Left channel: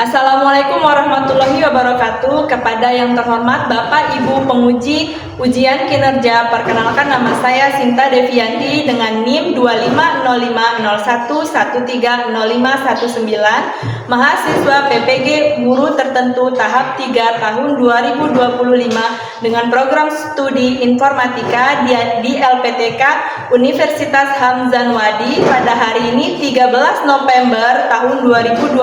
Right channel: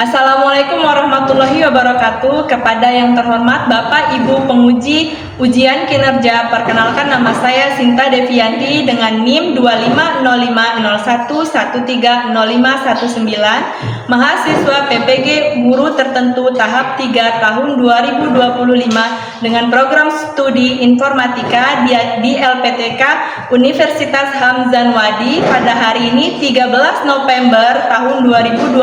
Assalamualaikum warahmatullahi wabarakatuh. Kepada yang terhormat Bapak Ibu penguji ujian kinerja, perkenalkan nama saya Sinta Devianti dengan NIM 250501130519, mahasiswa PPG Guru Tertentu tahap 3 tahun 2025 dengan program studi informatika di LPTK Universitas Hamzah Wadi. Pada hari ini 13 November tahun 2025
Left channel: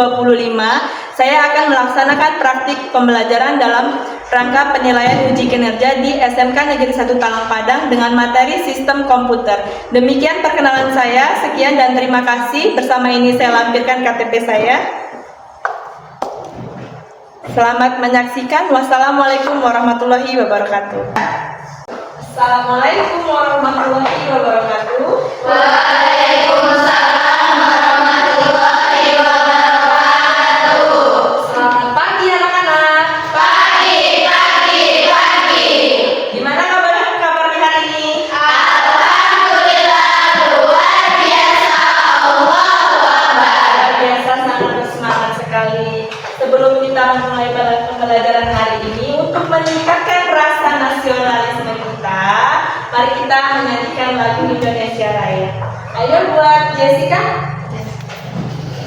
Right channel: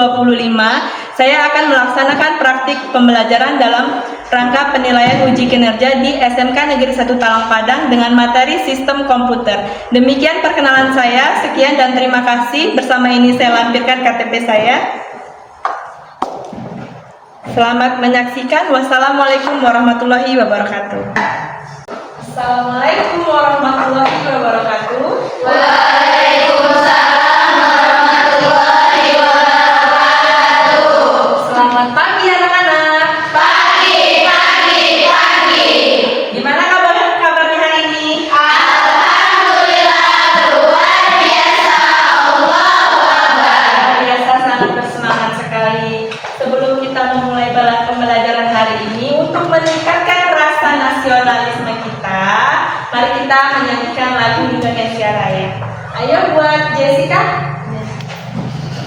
saya akan melaksanakan praktik pembelajaran dalam rangka penilaian uji kinerja di SMK Negeri 1 Talang Padang dengan materi sistem komputer. Demikian perkenalan saya, sekian dan terima kasih. Bersama ini saya lampirkan KTP saya. Selamat menyaksikan. Wassalamualaikum warahmatullahi wabarakatuh. Assalamualaikum warahmatullahi wabarakatuh. Waalaikumsalam warahmatullahi wabarakatuh. Selamat pagi anak-anak. Pagi. Gimana kabarnya hari ini? Alhamdulillah luar biasa. Allahu Akbar. Luar biasa, sangat bersemangat sekali. Sebelum kita memulai pembelajaran hari ini, untuk meningkatkan rasa nasionalisme kita, mari kita menyanyikan lagu Indonesia Raya. Ayo buat Jessica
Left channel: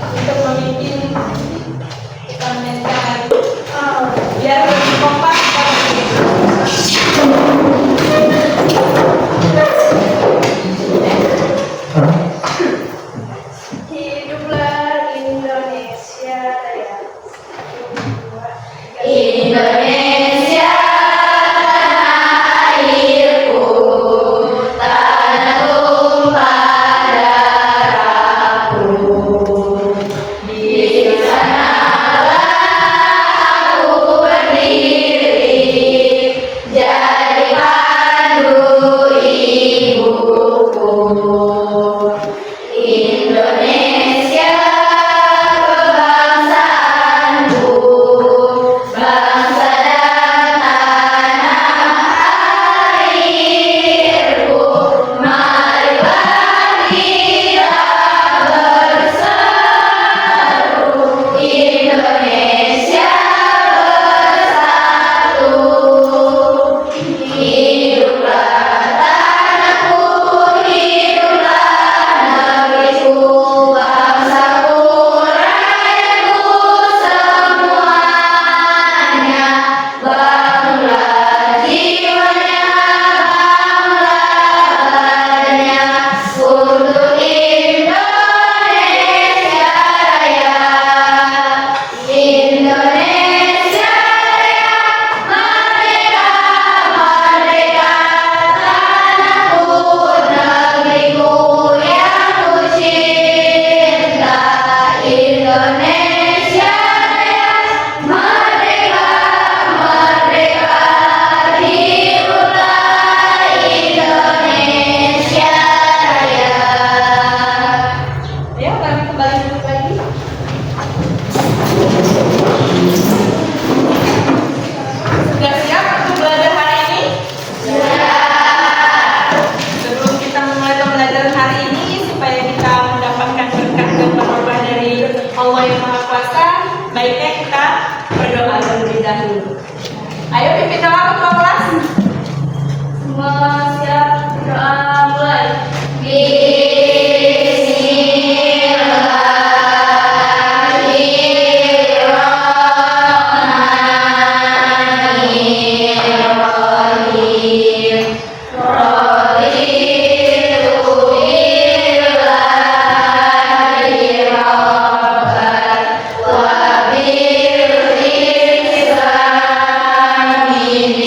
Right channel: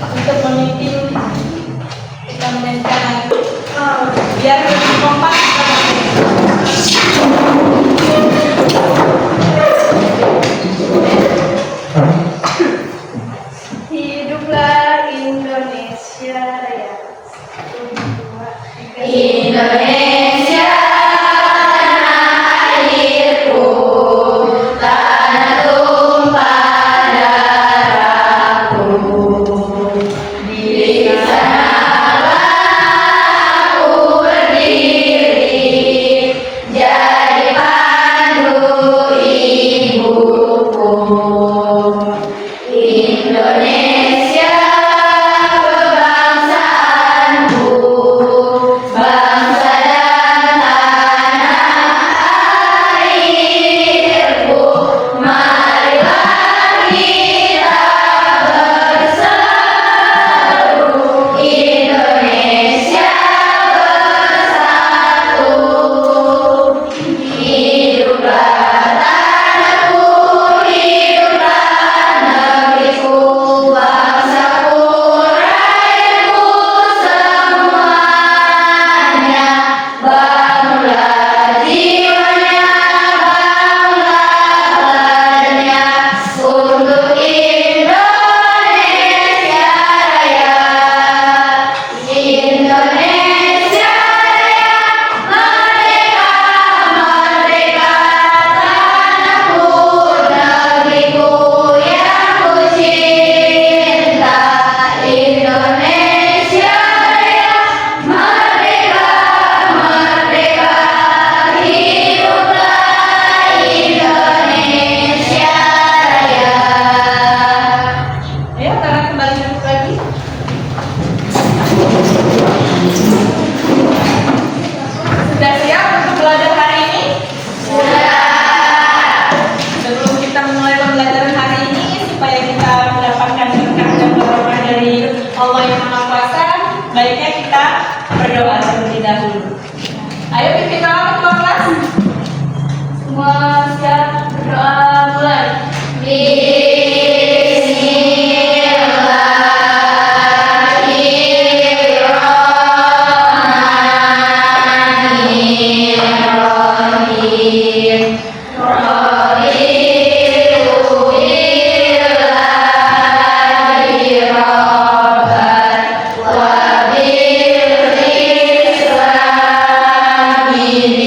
untuk memimpin kita menyanyikan lagu. Biar lebih kompak kita Hiduplah Indonesia Raya. Indonesia tanah airku, tanah tumpah darahku. Di sanalah aku berdiri, jadi pandu ibuku. Indonesia kebangsaanku, bangsa dan tanah airku. Marilah kita berseru, Indonesia bersatu. Hiduplah tanahku, hiduplah negeriku, bangsaku, rakyatku semuanya. Bangunlah jiwanya, bangunlah badannya untuk Indonesia Raya. Indonesia Raya, merdeka, merdeka, tanahku, negeriku yang ku cinta. Indonesia Raya, merdeka, merdeka, hiduplah Indonesia Raya. Ayo tangan kembali duduk lagi. Sudah siap untuk belajar hari ini? Sebelum kita mulai pembelajaran hari ini, supaya kita mendapatkan berkah dan barokah dari Allah yang Maha Kuasa, baiknya kita berdoa terlebih dahulu. Ayo pimpin doa untuk kelas. Semua siap, berdoa mulai. Bismillahirrahmanirrahim. Raditu billahi rabban wa bil islami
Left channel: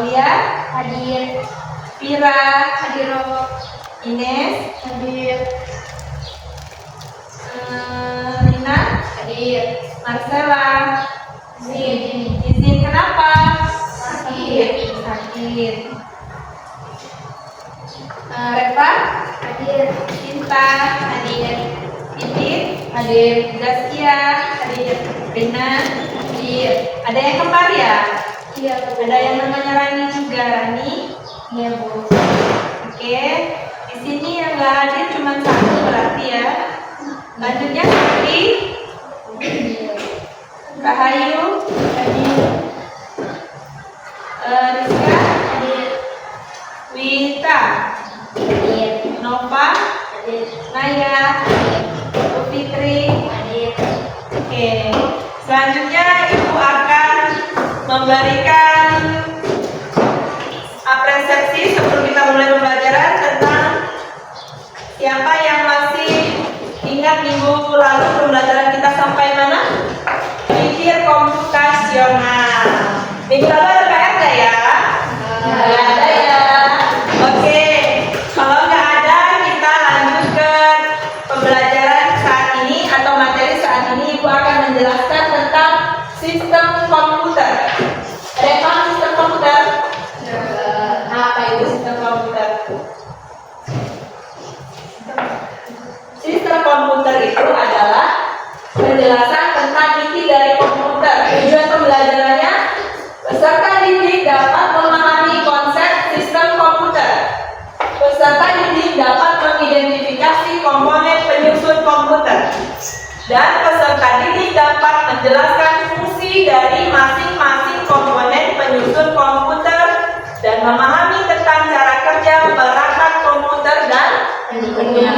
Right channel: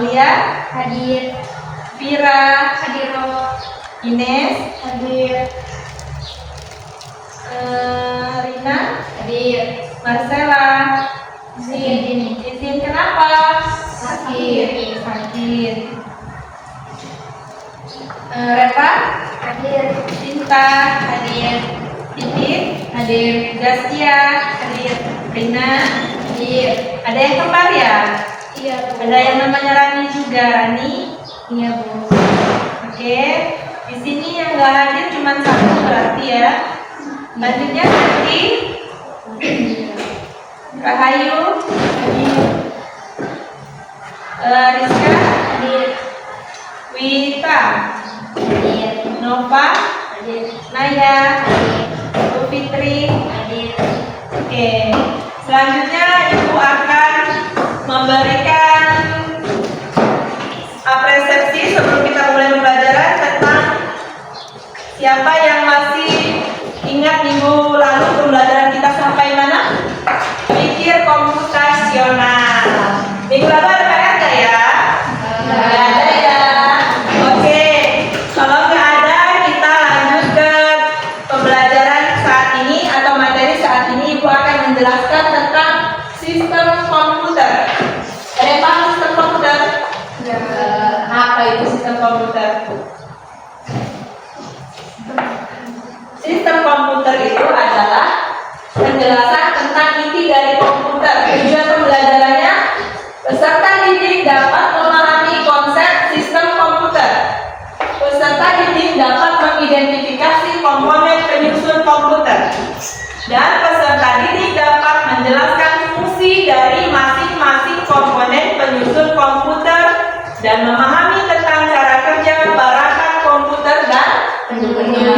Aulia, Hadir. Vira, Hadir. Ines, Hadir. Rina, Hadir. Marcella. Izin kenapa? Sakit. Sakit. Reva, Hadir. Cinta, Hadir. Titit, Hadir. Zaskia, Hadir. Rina. Hadir. Ada yang kembar ya? Iya, Bu. Ada yang namanya Rani juga, Rani. Iya, Bu. Oke, di sini yang nggak hadir cuma satu berarti ya. Selanjutnya Putri, Rahayu, Rizka, Hadir. Wita, Hadir. Nova, Hadir. Naya, Bu Fitri. Hadir. Oke, selanjutnya Ibu akan memberikan apresiasi sebelum kita mulai pembelajaran tentang siapa yang masih ingat minggu lalu pembelajaran kita sampai mana? Pikir komputasional. Minggu lalu ada PR nggak ya? Nggak ada ya. Oke, kalau nggak ada kita lanjut ke pembelajaran saat ini atau materi saat ini. Ibu akan menjelaskan tentang sistem komputer. Ada yang paham sistem komputer? Apa itu sistem komputer? Sistem komputer itu adalah penjelasan tentang inti dari komputer. Tujuan pembelajarannya, peserta didik dapat memahami konsep sistem komputer. Peserta didik dapat mengidentifikasi komponen penyusun komputer. Dan peserta didik dapat menjelaskan fungsi dari masing-masing komponen penyusun komputer dan memahami tentang cara kerja perangkat komputer dan pendukungnya.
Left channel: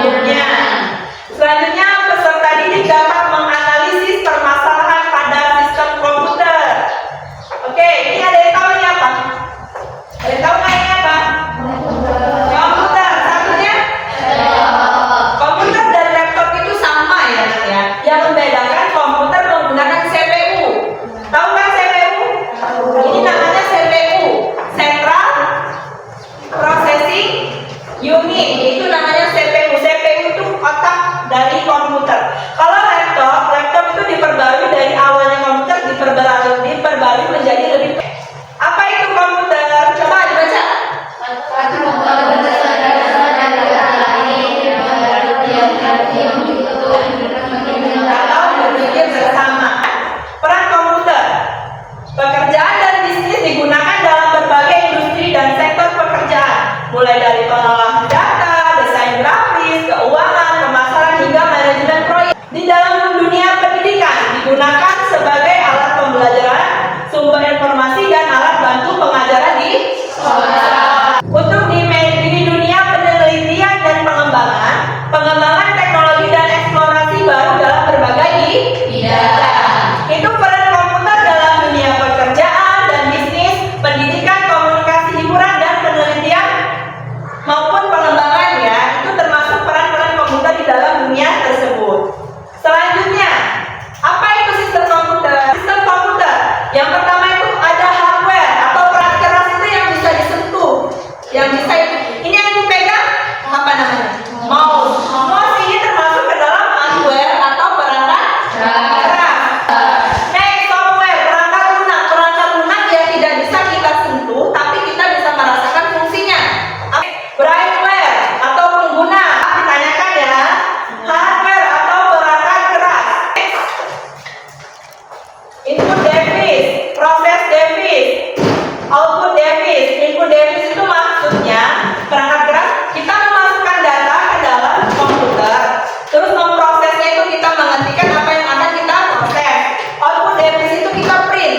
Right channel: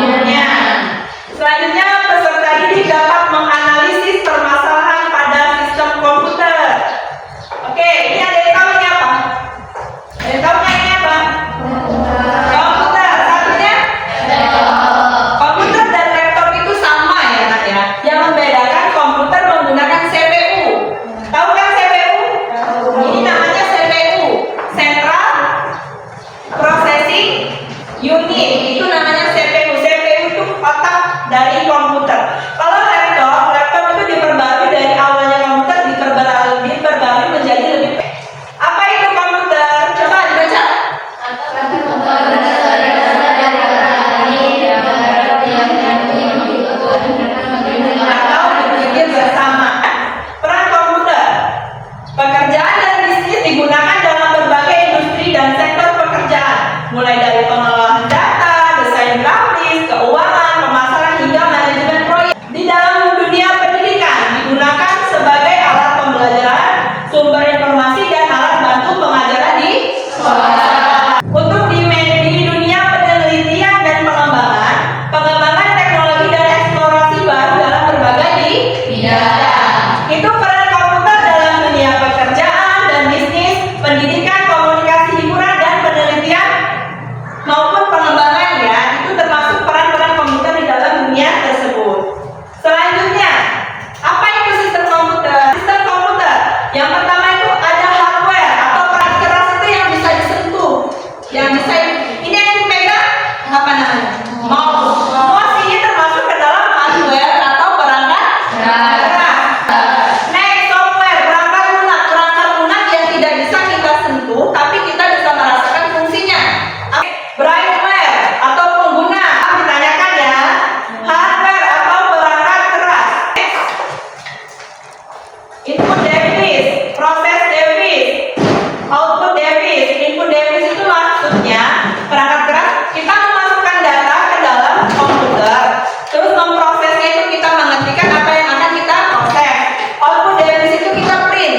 Selanjutnya, peserta didik dapat menganalisis permasalahan pada sistem komputer. Oke, ini ada yang tahu ini apa? Ada yang tahu ini apa? Komputer. Satunya? Komputer dan laptop itu sama ya, Nak ya. Yang membedakan komputer menggunakan CPU. Tahu kan CPU? Ini namanya CPU, Central Processing Unit. Itu namanya CPU. CPU itu otak dari komputer. Kalau laptop itu diperbarui dari awalnya komputer diperbarui menjadi lebih. Apa itu komputer? Coba dibaca. Atau berpikir bersama. Peran komputer. Pekerjaan dan bisnis digunakan dalam berbagai industri dan sektor pekerjaan, mulai dari pengolahan data, desain grafis, keuangan, pemasaran hingga manajemen proyek. Di dalam dunia pendidikan digunakan sebagai alat pembelajaran, sumber informasi dan alat bantu pengajaran di sekolah. Untuk di dunia penelitian dan pengembangan teknologi dan eksplorasi baru dalam berbagai bidang. Itu peran komputer dalam dunia pekerjaan dan bisnis, pendidikan, komunikasi, hiburan dan penelitian maupun pengembangan ya. Itu termasuk peran-peran komputer di dalam dunia tersebut. Selanjutnya, apa itu sistem komputer? Sistem komputer yang pertama itu ada hardware atau perangkat keras itu yang bisa disentuh, yang bisa ini yang dipegang apa namanya? Mouse. Mouse ini termasuk ke dalam hardware atau perangkat keras. Next, software, perangkat lunak yang tidak bisa kita sentuh tapi kita bisa merasakan fungsinya. Brailleware atau pengguna, ditanyakan ya. Hardware atau perangkat keras. Input device, proses device, output device. Input device itu maksudnya perangkat keras kita memasukkan data ke dalam komputer, terus memprosesnya itu kita mengetikkan apa yang akan kita proses. Output device itu kita print.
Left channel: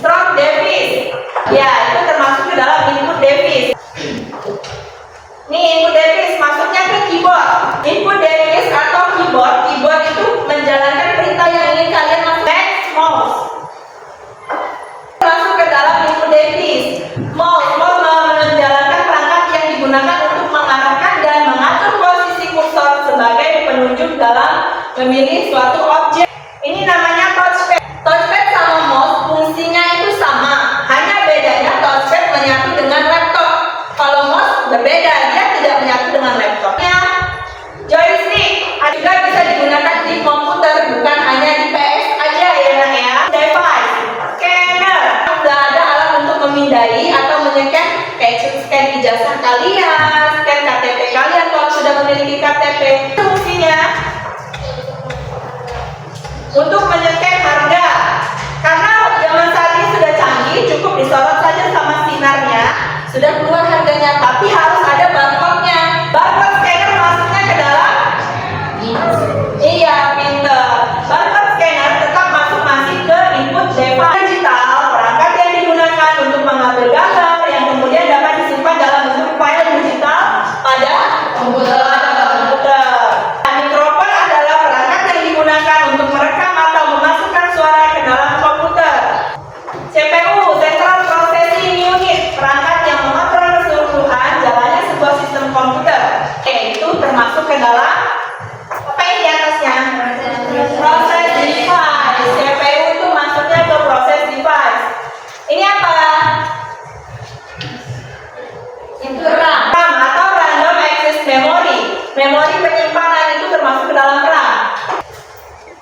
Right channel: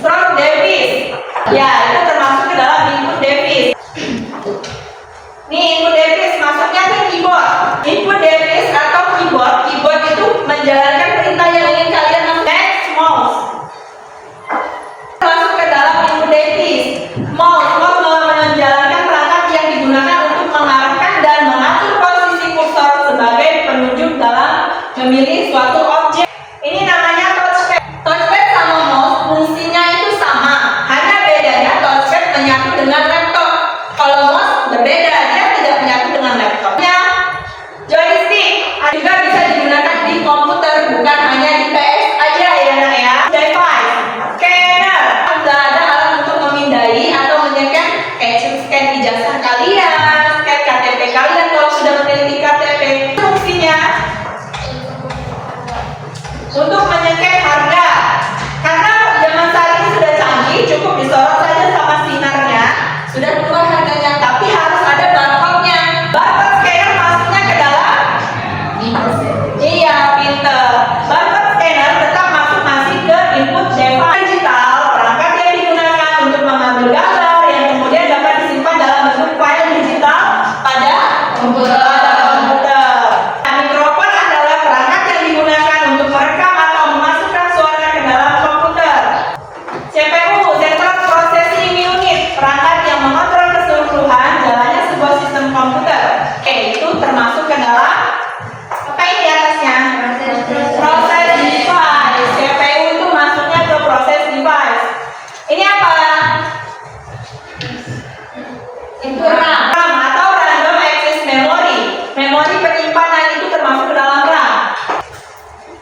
Stroke device, ya itu termasuk ke dalam input device. Nih input device masuknya ke keyboard. Input device atau keyboard itu menjalankan perintah yang ingin kalian masuk. Next, mouse. Masuk ke dalam input device. Mouse menjalankan perangkat yang digunakan untuk mengarahkan dan mengatur posisi kursor sebagai penunjuk dalam memilih suatu objek. Ini namanya touchpad. Touchpad sama mouse fungsinya itu sama, hanya bedanya touchpad sekalian, scan KTP kalian kalau sudah memiliki KTP. Fungsinya untuk menyeken harga. Karena zaman saat ini sudah canggih, cukup disorot saja sama sinarnya, sudah keluar harganya. Tapi harus ada barcode-nya. Barcode scanner masuknya ke dalam. Iya, pinter. Barcode scanner tetap masih ke input device digital, perangkat yang digunakan untuk mengambil gambar yang kemudian dapat disimpan dalam bentuk file digital pada komputer. Nah, mikrofon adalah perangkat yang digunakan untuk merekam atau memasukkan suara ke dalam komputer. CPU, Central Processing Unit, perangkat yang mengontrol keseluruhan jalannya sebuah sistem komputer. Oke, itu termasuk ke dalam apa ini atasnya? Proses device. CPU itu masuknya ke proses device. Ini apa? Itu RAM. RAM atau Random Access Memory. Memori penyimpanan itu termasuk ke dalam RAM.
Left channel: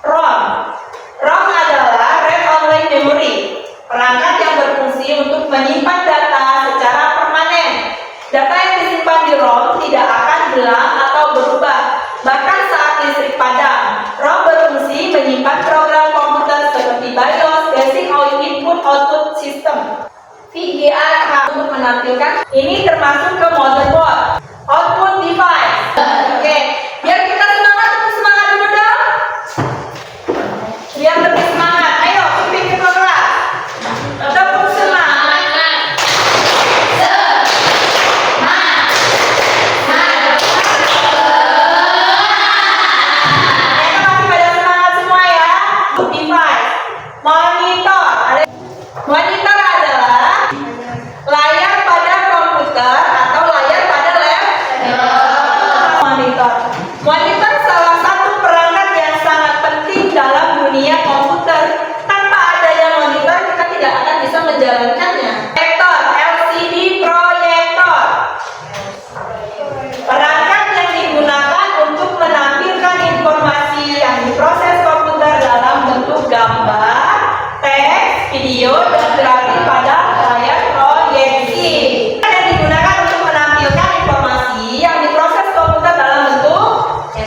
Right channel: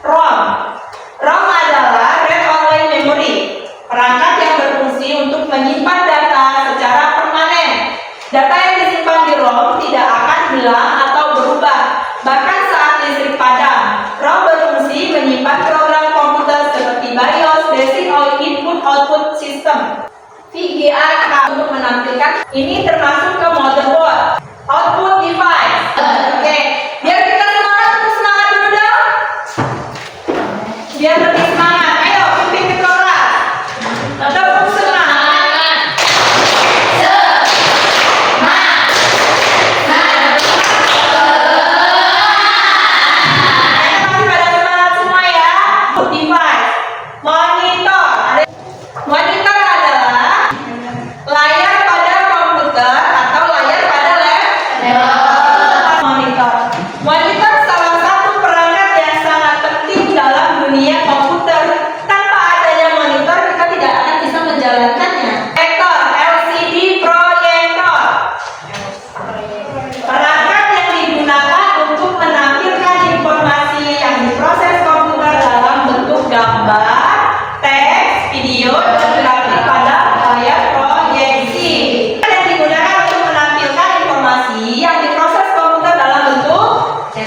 ROM. ROM adalah Read Only Memory. Perangkat yang berfungsi untuk menyimpan data secara permanen. Data yang disimpan di ROM tidak akan hilang atau berubah, bahkan saat listrik padam. ROM berfungsi menyimpan program komputer seperti BIOS, Basic Input Output System, VGA untuk menampilkan. Ini termasuk ke motherboard, output device. Oke, biar kita semangat, tetap semangat dulu dong. Biar lebih semangat. Ayo, pimpin ke kelas. Tetap semangat. Monitor adalah layar pada komputer atau layar pada laptop. Monitor salah satu perangkat yang sangat penting dalam dunia komputer. Tanpa adanya monitor kita tidak akan bisa menjalankannya. Proyektor, LCD proyektor. Perangkat yang digunakan untuk menampilkan informasi yang diproses komputer dalam bentuk gambar, teks, video, dan grafik pada layar proyeksi. Yang digunakan untuk menampilkan informasi yang diproses komputer dalam bentuk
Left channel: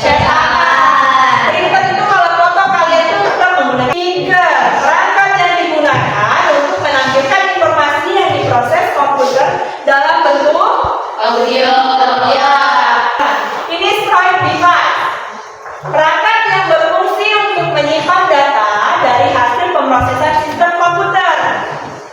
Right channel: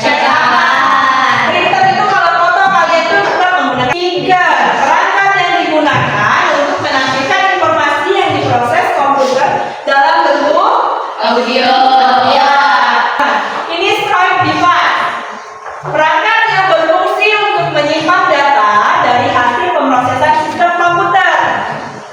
cetakan. Printer itu kalau foto kalian itu tetap menggunakan printer. Perangkat yang digunakan untuk menampilkan informasi yang diproses komputer dalam bentuk audio. Ya. Ini scribe device. Perangkat yang berfungsi untuk menyimpan data dari hasil pemrosesan sistem komputer.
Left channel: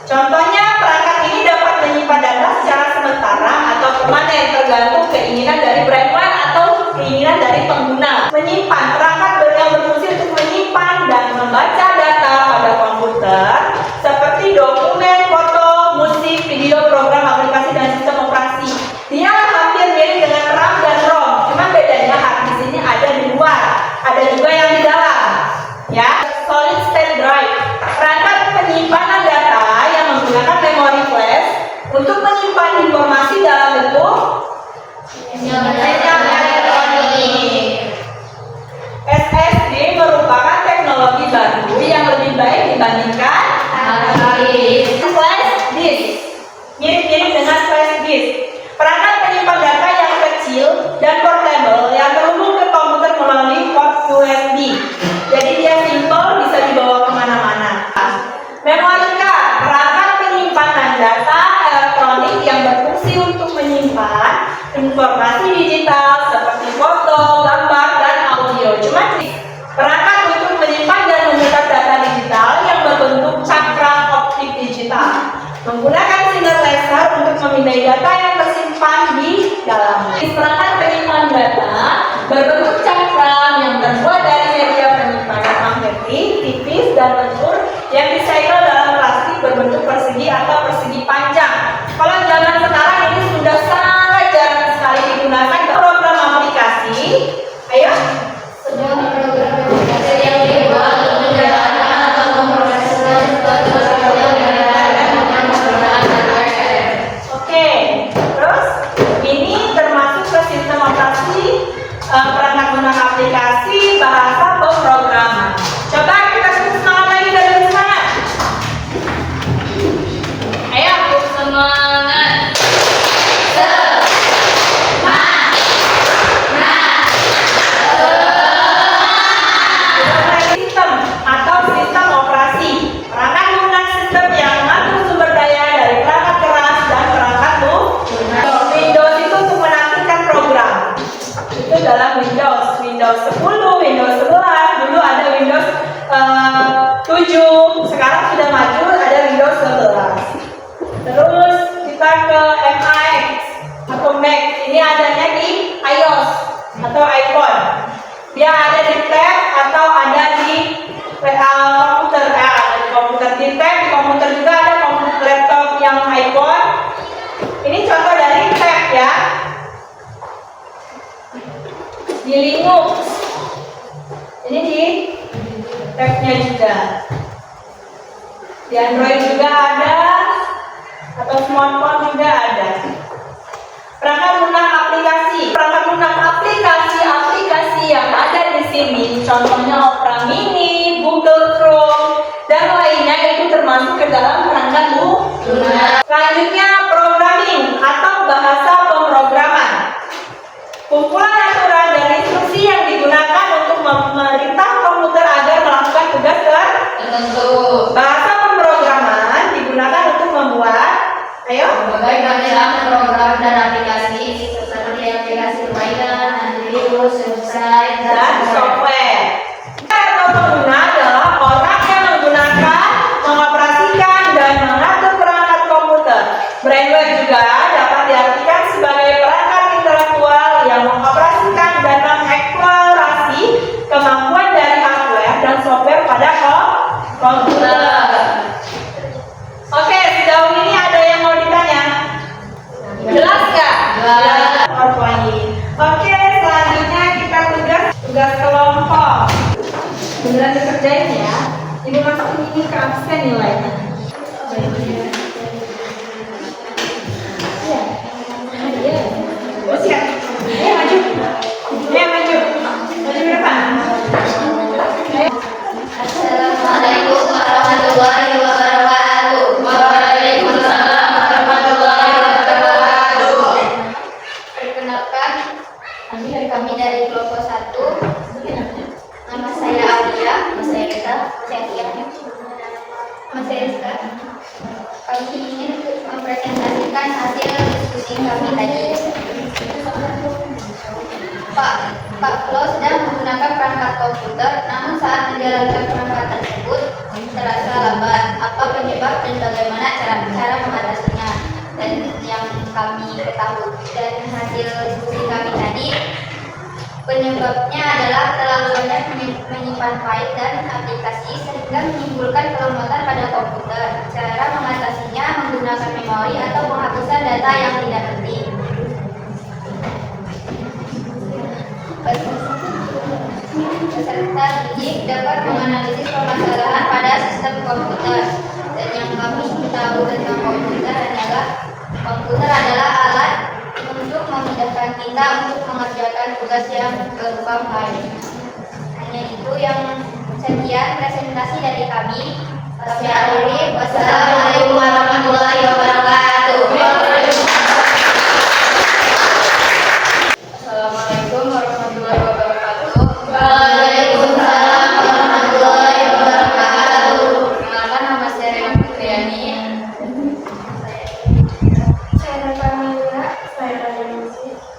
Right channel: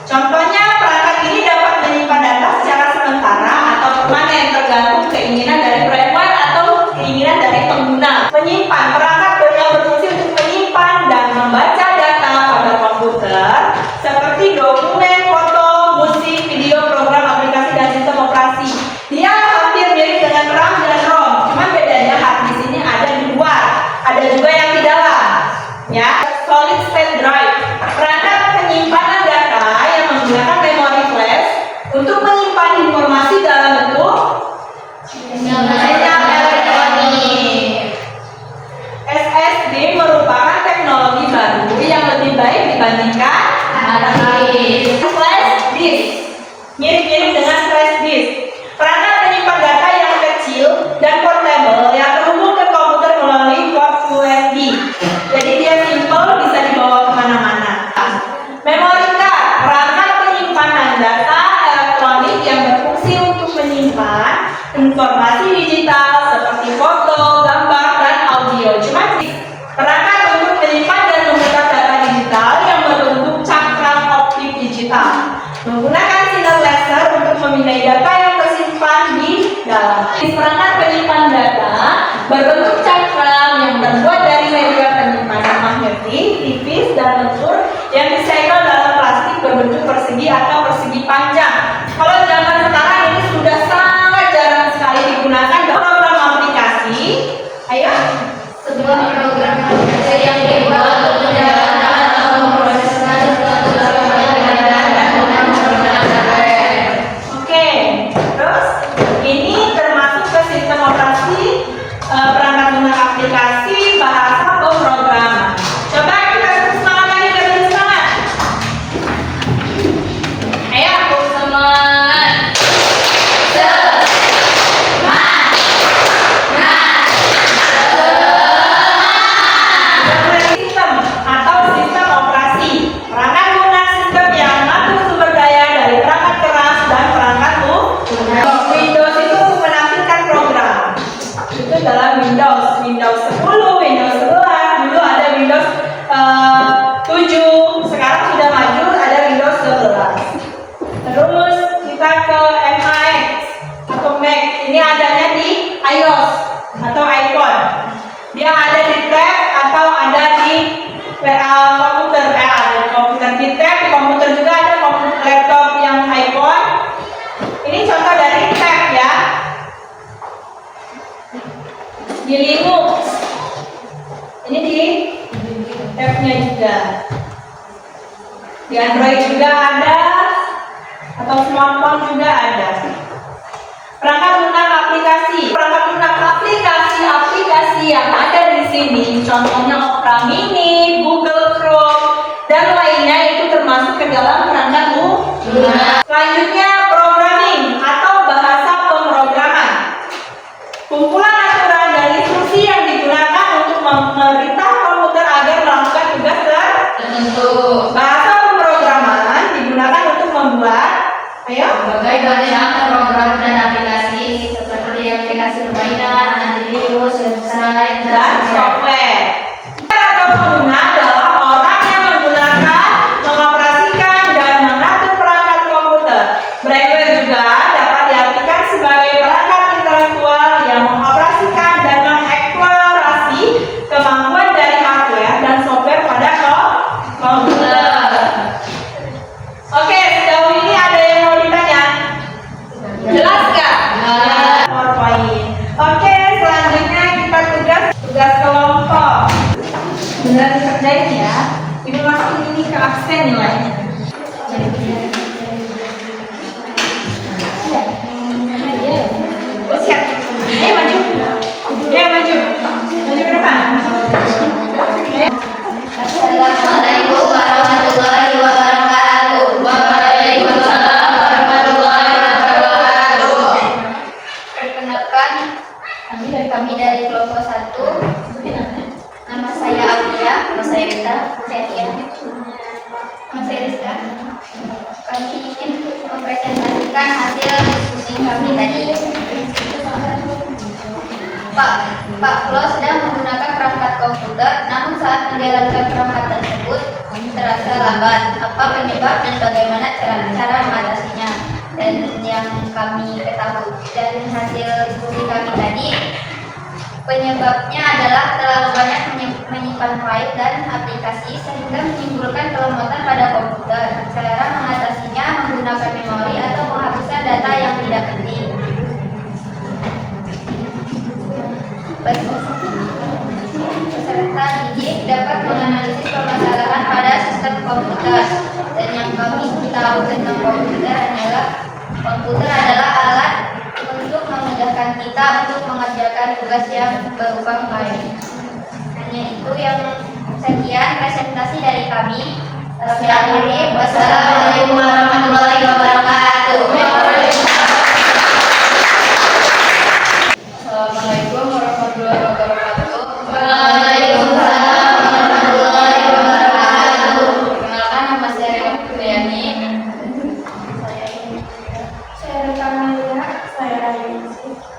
Contohnya, perangkat ini dapat menyimpan data secara sementara atau permanen tergantung keinginan dari firmware atau keinginan dari pengguna. Menyimpan, perangkat yang berfungsi untuk menyimpan dan membaca data pada komputer seperti dokumen, foto, musik, video, program, aplikasi, dan sistem operasi. Dia hampir mirip dengan RAM dan ROM, cuma bedanya hard disk ini ada di luar, ada juga yang di dalam. Ya, solid state drive, perangkat penyimpanan data yang menggunakan memori flash untuk menyimpan informasi dalam bentuk sinyal elektronik. SSD merupakan teknologi baru yang lebih baik dibandingkan hard disk. Flash disk mirip-mirip dengan flash disk. Perangkat penyimpan data yang kecil dan portable yang terhubung ke komputer melalui port USB. Jadi dia simple, bisa dibawa kemana-mana. Memory card, perangkat penyimpanan data elektronik yang berfungsi untuk menyimpan informasi digital seperti foto, gambar, dan audio. Cuma perangkat untuk menyimpan dan memutar data digital yang berbentuk cakram optik digital, menggunakan sinar laser untuk memindai data yang tersimpan di dalam. Perangkat penyimpan data berbentuk cakram yang terbuat dari media penyimpanan magnetik tipis dan lentur yang disegel dalam plastik berbentuk persegi atau persegi panjang. Kalau zaman sekarang ini sudah sangat jarang sekali digunakan dalam program aplikasi. Ayo, Sebuah program aplikasi yang dibuat untuk menjalankan atau memproses Oke, terus ini termasuk ke sistem operasi perangkat lunak Dia ada di tab atau ada di komputer. Ada di komputer, di tab, di komputer juga ada, komputer laptop yang iPhone. Ini contoh dari tab ya. Di Linux. Ini di tab-nya juga. Di Android juga ada, atau smartphone juga ada. Perangkat lunak aplikasi. Perangkat lunak aplikasi yang ada di sini, contohnya Opera Mini, Google Chrome, dan lainnya itu termasuk ke dalam perangkat lunak. Selanjutnya programming atau bahasa pemrograman. Kumpulan aturan dan instruksi yang digunakan untuk memerintah komputer agar melakukan tugas tertentu. Bahasa pemrograman digunakan untuk membuat, berbagai macam program dan aplikasi seperti aplikasi permainan, antivirus, website, dan software. Atau pengguna adalah orang yang menggunakan, mengoperasikan, dan mengatur perangkat komputer. Brainware juga dapat diartikan sebagai perangkat intelektual yang mengoperasikan dan mengeksplorasi kemampuan dari hardware dan software pada komputer. Oke, sejauh ini ada yang mau ditanya? Jelas nggak? PowerPoint. Oke, selanjutnya kita tugas kelompok. Beneran dikerjain ya. Ibu masukin ini ke absen nilainya. Oh, siap. Ayo maju. Ayo maju. Maju depan. Assalamualaikum warahmatullahi wabarakatuh. Waalaikumsalam warahmatullahi wabarakatuh. Perkenalkan, kami dari kelompok 1. Nama saya Aulia, nama saya Rita, saya Tia, nama saya Rizka. Kami ingin mempresentasikan hasil diskusi kami tadi. Pak Flo sedang menggunakan perangkat komputer, namun saat menjalankan perangkat tersebut terasa lambat. Apa penyebab dan bagaimana cara mengatasinya? Dan yang kami ketahui dan hasil diskusi kami tadi, penyebabnya adalah terlalu banyak menyimpan file dan aplikasi sehingga menimbulkan kelembutan pada komputer. Cara mengatasinya menggunakan memori atau penghapusan data yang tidak penting. Peserta didik dapat menganalisis permasalahan pada sistem komputer, dan yang kami tahu tentang komputer adalah alat untuk memudahkan kita untuk mengerjakan tugas yang berupa file. Hanya itu yang sekian presentasi dari kami. Saya akhiri. Wassalamualaikum warahmatullahi wabarakatuh. Assalamualaikum warahmatullahi wabarakatuh. Waalaikumsalam warahmatullahi wabarakatuh. Perkenalkan, nama saya Rina Fitriani. Saya Rita Malia. Saya Raya.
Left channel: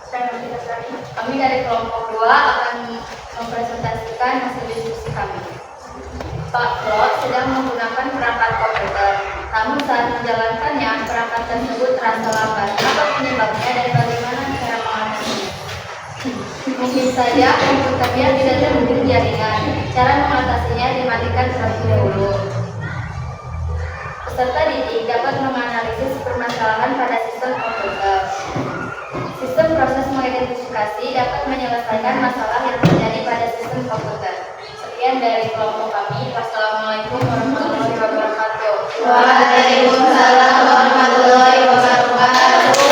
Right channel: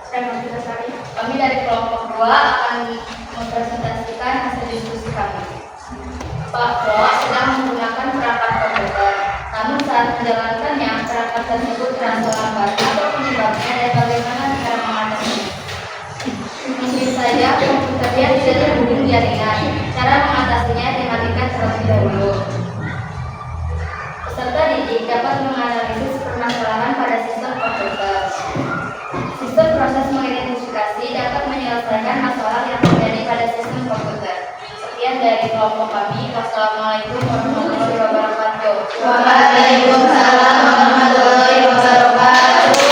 Saya Nabila Sari. Kami dari kelompok 2 akan mempresentasikan hasil diskusi kami. Pak Flo sedang menggunakan perangkat komputer, namun saat menjalankannya perangkat tersebut terasa lambat. Apa penyebabnya dan bagaimana cara mengatasinya? Mungkin saja komputernya tidak terhubung jaringan. Cara mengatasinya dimatikan terlebih dahulu. Peserta didik dapat menganalisis permasalahan pada sistem komputer. Sistem proses mengidentifikasi dapat menyelesaikan masalah yang terjadi pada sistem komputer. Sekian dari kelompok kami. Wassalamualaikum warahmatullahi wabarakatuh. Waalaikumsalam warahmatullahi wabarakatuh.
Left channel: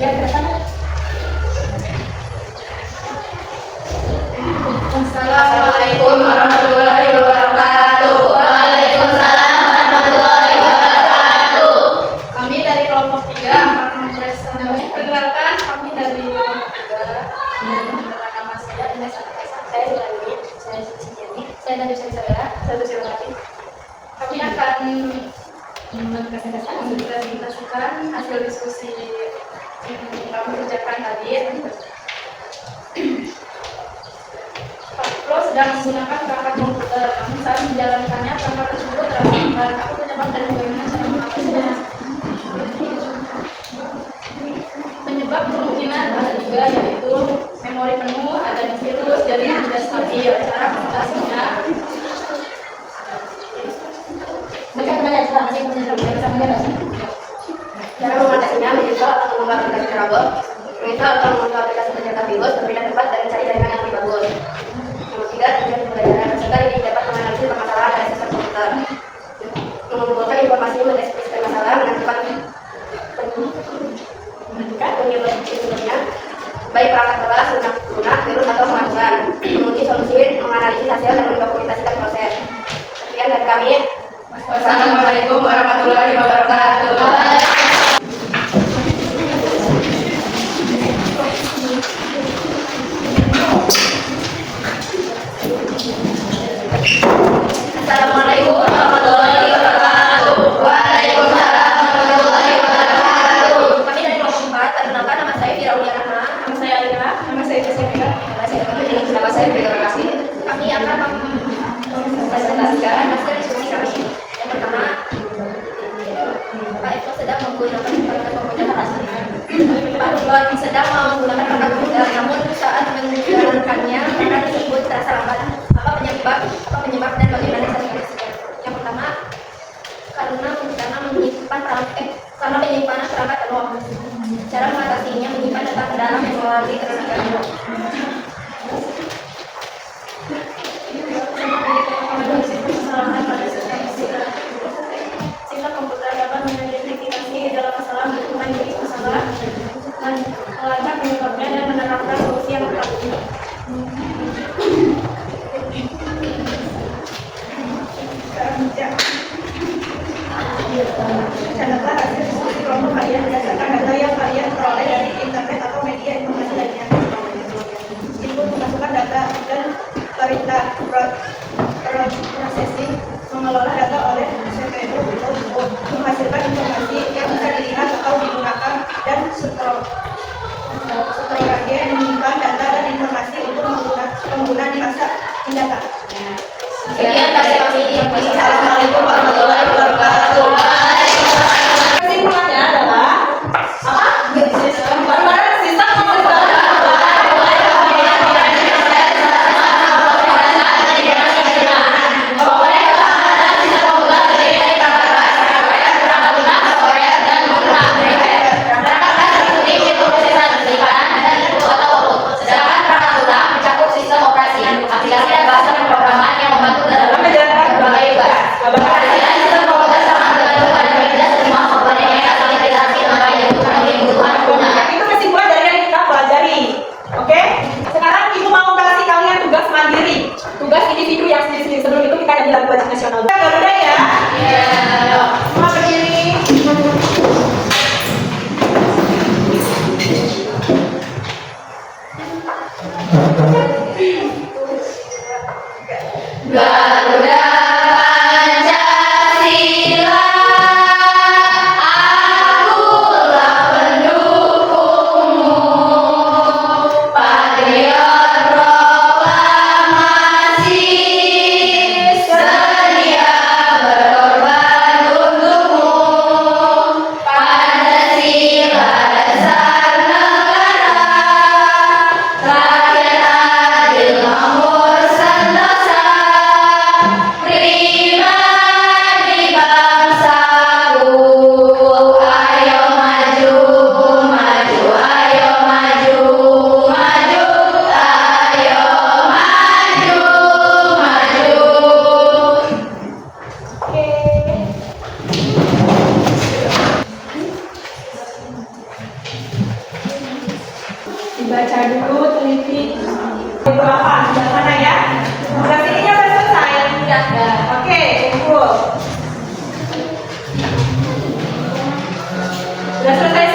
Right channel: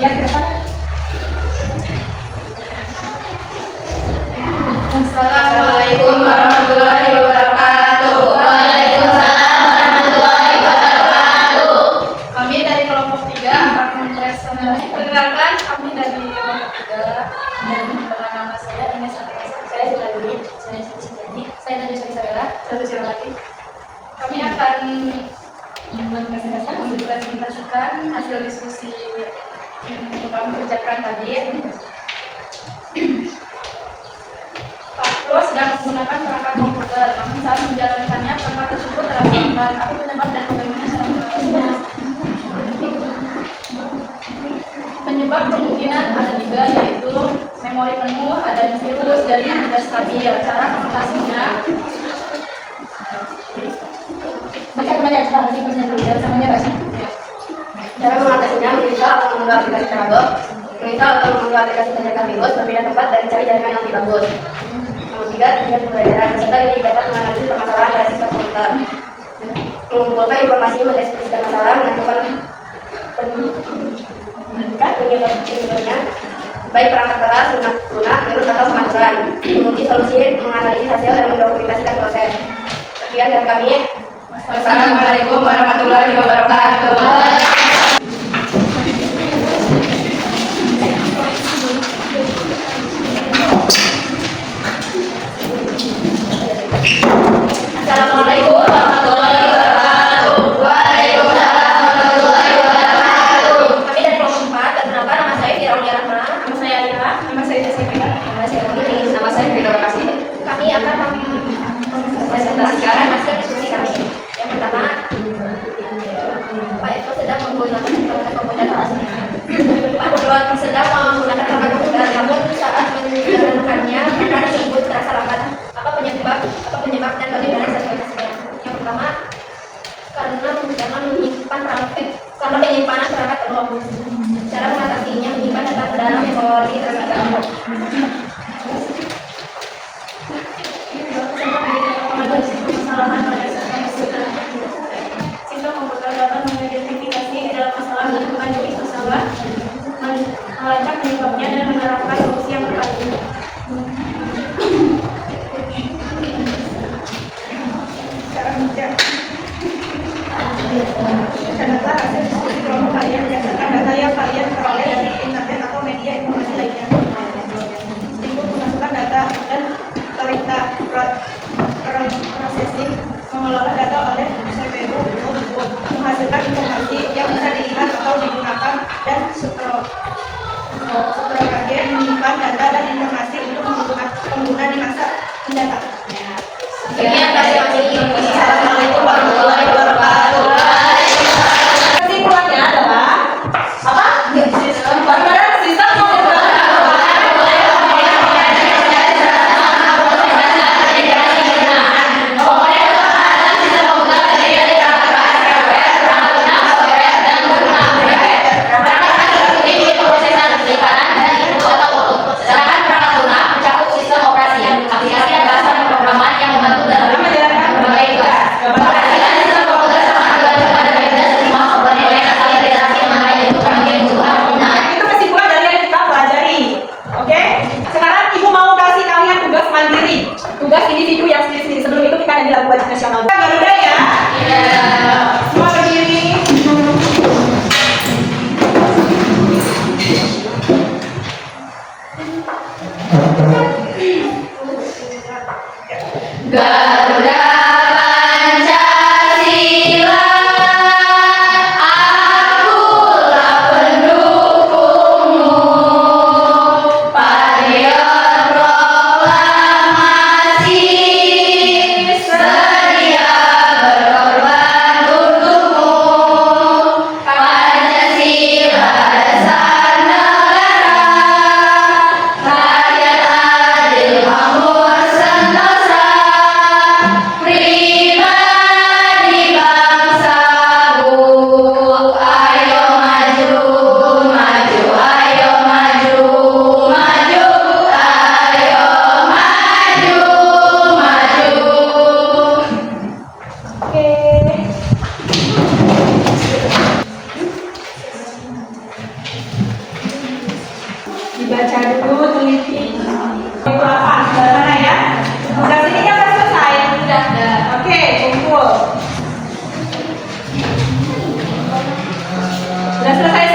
Ya, ke depan. Assalamualaikum warahmatullahi wabarakatuh. Waalaikumsalam warahmatullahi wabarakatuh. Kami dari kelompok 3 akan mempresentasikan. Perkenalkan, kami dari kelompok 3 dan nama saya Ines Anastasiya. Saya Jalani, saya Ciciani, saya dari Cicera, saya Cilawati. Kami akan mempresentasikan hasil diskusi yang kami kerjakan tadi. Pak Lo sedang menggunakan perangkat komputer, namun saat menjalankannya perangkat tersebut terasa lambat. Apa penyebab dan bagaimana cara mengatasinya? Penyebab kemungkinan ada 3, yaitu memori penuh, ada siklus jadi tidak stabil. Cara mengatasinya, Cara mengatasinya menginstal atau mengunduh aplikasi terabot, menginstal atau mengunduh aplikasi pencegahan virus, berpindah tempat dan mencari jaringan yang tidak bagus. Nomor 3, tujuan pembelajaran. Peserta ini dapat menganalisis permasalahan pada sistem komputer, mengumpulkan informasi, mendeskripsikan masalah, menentukan penyebabnya, baik perangkat keras, lunak, virus atau kemajuan, menguji solusi, menganalisis hasil dan mendokumentasikan proses. Sekian dari kami. Wassalamualaikum warahmatullahi wabarakatuh. Assalamualaikum warahmatullahi wabarakatuh. Waalaikumsalam warahmatullahi wabarakatuh. Kami dari kelompok 4, perkenalkan nama saya Firaulia Rahma, nama saya Alina, nama saya Jessica, nama saya Putri, nama saya Firdaus Kasih. Kami akan mempresentasikan hasil diskusi kami. Yang pertama, Pak Eko sedang menggunakan perangkat komputer asli. Pak Eko sedang menggunakan perangkat komputer, namun saat menjalankannya perangkat tersebut terasa lambat. Apa penyebab dan bagaimana cara mengatasinya? Yang pertama, karena penyimpanan perangkat penuh. Cara mengatasinya menyimpan data ke dalam memori terlebih dahulu. sistem komputer dapat mengidentifikasi gejala masalah, menemukan jenis masalah, melacak penyebabnya dan menerapkan solusi yang tepat. Data hasil diskusi kelompok kalian berdasarkan data yang kalian peroleh dari internet atau media informasi lainnya. Input memasukkan data dan perintah processing mengelola data oleh CPU untuk menghasilkan informasi yang bisa dilihat atau digunakan, dan strukturnya menyimpan data dan informasi untuk pengguna di masa mendatang. Sekian dari kami. Assalamualaikum warahmatullahi wabarakatuh. Kesimpulannya adalah apa? Bagaimana sistem tugas individu yang sendiri-sendiri. Sebelum itu kita nyanyi lagu wajib nasional. Garuda ya? Semua berdiri. Garuda Pancasila, akulah pendukungmu. Patriot proklamasi, sedia berkorban untukmu. Pancasila dasar negara, rakyat adil makmur sentosa, pribadi bangsaku. Ayo maju, maju, ayo maju, maju, ayo maju, maju. Oke. Dibaca dulu, teliti. Itu apa? Sebelah sana ya. Sebelah sini kan udah selesai. Sudah. Oke, kumpul. Sudah selesai